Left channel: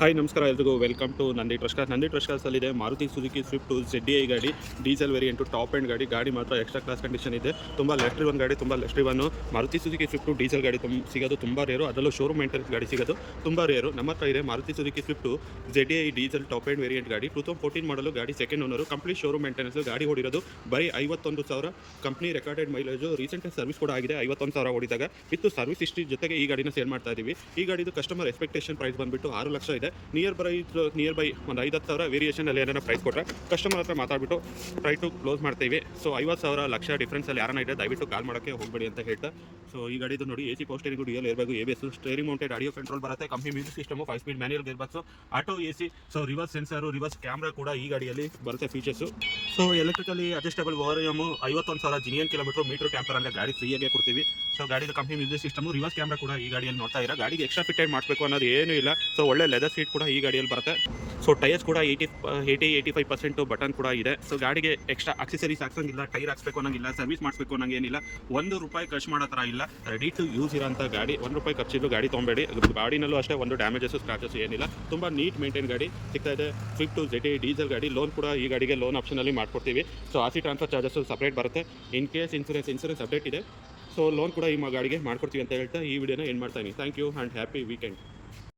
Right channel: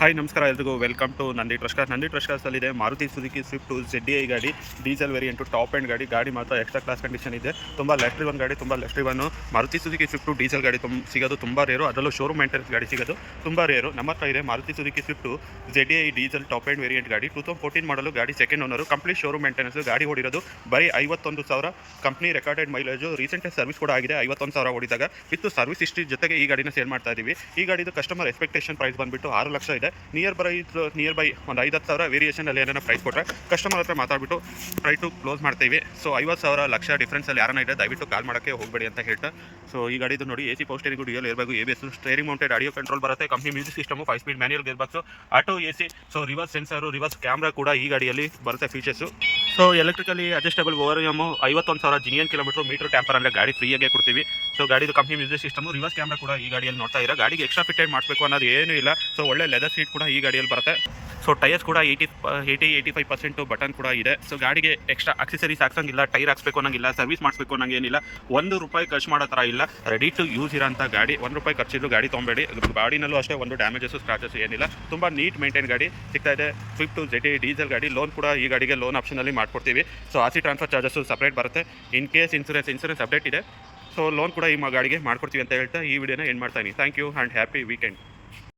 Hi ನಮಸ್ಕಾರ ಎಲ್ರಿಗೂ welcome to Nandi trust cars. Nandi trust ಕಾರ್ಸಲ್ಲಿದೆ ಮಾರುತಿ ಸುಜುಕಿ ಸ್ವಿಫ್ಟು ZDI ಗಾಡಿ, ಡೀಸೆಲ್ ವೇರಿಯಂಟು, ಟಾಪ್ ಆ್ಯಂಡ್ ಗಾಡಿ ಮಾತ್ರ ಎಕ್ಸ್ಟ್ರಾ ಕ್ಲಾಸ್ ಕಂಡೀಷನ್ ಇದೆ. ತುಂಬ ಲೆಸ್ಟ್ರಿ ಒನ್ ಗಾಡಿ, ತುಂಬ ಲೆಸ್ಟ್ರಿ one. Maruti Suzuki Swift diesel ಗಾಡಿ ಸಿಗೋದು ತುಂಬ ರೇರು, ಅದರಲ್ಲೂ ಶೋರೂಮ್ ಮೇಂಟೆನೆನ್ಸ್ ಗಾಡಿ ಸಿಗೋದು ತುಂಬ ರೇರು. ನಮ್ಮ ಹತ್ರ ಇದೆ Maruti Suzuki Swift ZDI diesel top end variant ಗಾಡಿ. 2014 ಮಾಡಲು ಗಾಡಿ, second owner, complete showroom maintenance. ಗಾಡಿ ಓಡಿರೋದು ಬರೀ 51,000. ಕಂಪ್ನಿ ರೆಕಾರ್ಡೆಡ್ ಮೈಲೇಜು, ರೀಸೆಂಟಾಗಿ ಸರ್ವಿಸ್ ಕೂಡ ಆಗಿದೆ. 51,000 ಓಡಿದಾಗ ವಿತ್ತು ಸರ್ವಿಸ್ ಹಿಸ್ಟ್ರಿ ಜೊತೆಗೆ ಈ ಗಾಡಿನ ಸೇಲ್ ಮಾಡ್ತಾ ಇದ್ದೀವಿ. ಈ ಗಾಡಿದು ಕಸ್ಟಮರ್ ಎಕ್ಸ್ಪೆಕ್ಟೇಷನ್ ಪ್ರೈಸ್ ಬಂದುಬಿಟ್ಟು 6 ಲಕ್ಷ ಇದೆ. ನಿಯರ್ ಬೈ ಒಂದು 50,000 ವೇರಿಯೇಷನಲ್ಲಿ ಏನಾರ ಪ್ರೈಸ್ ಕೊಟ್ಟರೆ ಕಸ್ಟಮರ್ ಹತ್ರ ಮಾತಾಡ್ಬಿಟ್ಟು ಟ್ರೈ ಟು ಕ್ಲೋಸ್ ಮಾಡ್ತೀವಿ. ಸೊ 50,000 ಲಕ್ಷ ಡಿಫ್ರೆನ್ಸಲ್ಲಿ ಯಾರನ್ನ ಇದೆ ದಯವಿಟ್ಟು ಕಾಲ್ ಮಾಡೋಕ್ಕೆ ಹೋಗಬೇಡಿ ಅಂತ ಹೇಳ್ತಾ. ಸೊ ಈ ಗಾಡಿದು ನೋಡಿ, AC power steering, dual airbag, ABS, steering mounted audio control ಬರುತ್ತೆ. Company music system, 5 speed manual gear box, auto AC. So reverse sensor, reverse camera ಕೂಡ ಈ ಗಾಡಿಯಲ್ಲಿ ಬರುತ್ತೆ features. So electrically adjustable ORVM, 51,000 genuine kilometre, meter tamper ಅಂದರೆ ಗಾಡಿ ಫ್ರೀಯಾಗೆ ಕೊಡ್ತೀವಿ. So ಗಾಡಿದು company music system, reverse camera ಕೂಡ ಈ ಗಾಡಿಯಲ್ಲಿ ನೋಡ್ತಾ ಇರೋ. ಗಾಡಿಗೆ ಎಕ್ಸ್ಟ್ರಾ ಫಿಟೆಡ್ ಮಾಡಬೇಕು ಅನ್ನೋದು ಏನೂ ಇಲ್ಲ. ಸೊ ಒಳ್ಳೆ ಲೆದರ್ ಸೀಟ್ ಕೂಡ ಈ ಗಾಡಿಯಲ್ಲಿ ಬರುತ್ತೆ. ಸೊ ಟೈರ್ಸ್ ಕೂಡ 80-85% ಬಟನ್ ಕೂಡ ಇದೆ. ಸೊ ಗಾಡಿಗೆ ಎಕ್ಸ್ಟ್ರಾ ಅಕ್ಸೆಸರೀಸ್ ಹಾಕ್ಸಂಗಿಲ್ಲ, ಟೈರ್ ಹಾಕ್ಸ್ಬೇಕು ಅನ್ನೋಂಗಿಲ್ಲ, ಸರ್ವಿಸ್ ಮಾಡಿಸ್ಬೇಕು ಅನ್ನೋಂಗೇನಿಲ್ಲ. ₹1 ಖರ್ಚು ಮಾಡೋ ಥರ ಇಲ್ಲ. ರೆಡಿ ಟು ಯೂಸ್ ಇರೋಂಥ ಗಾಡಿ. ₹1 ಖರ್ಚಿದ್ದು ಗಾಡಿ ತೊಗೊಬೇಡಿ. ಗಾಡಿನಲ್ಲೂ ಅಷ್ಟೇ ಒಂದು ಡ್ಯಾಮೇಜಸ್ಸು, ಸ್ಕ್ರಾಚಸ್ ಏನಿಲ್ಲ. ತುಂಬ ನೀಟ್ ಮೇಂಟೈನ್ ಗಾಡಿ ಸಿಗ್ತಾ ಇದೆ. ಸ್ವಿಫ್ಟ್ ZDI ಡೀಸೆಲ್ ಗಾಡಿ. ಲೋನ್ ಕೂಡ ಈ ಗಾಡಿಗೆ ಲೋನ್ ಆಪ್ಷನಲ್ಲಿ ಮಾಡ್ಕೊಡ್ತೀವಿ. So RC transfer charges separate ಬರುತ್ತೆ. ಇನ್ ಕೇಸ್ ಇನ್ಸೂರೆನ್ಸ್ ಅಪ್ಡೇಟ್ ಇದೆ. ಸೊ ಲೋನ್ ಕೂಡ ಈ ಗಾಡಿಗೆ ಮಾಡ್ಕೊಡ್ತೀವಿ ಅಂತ ಹೇಳ್ತಾ ಈ ವಿಡಿಯೋನ ಎಂಡ್ ಮಾಡ್ತಾ ಇದ್ದೀನಿ. Thank you and happy weekend.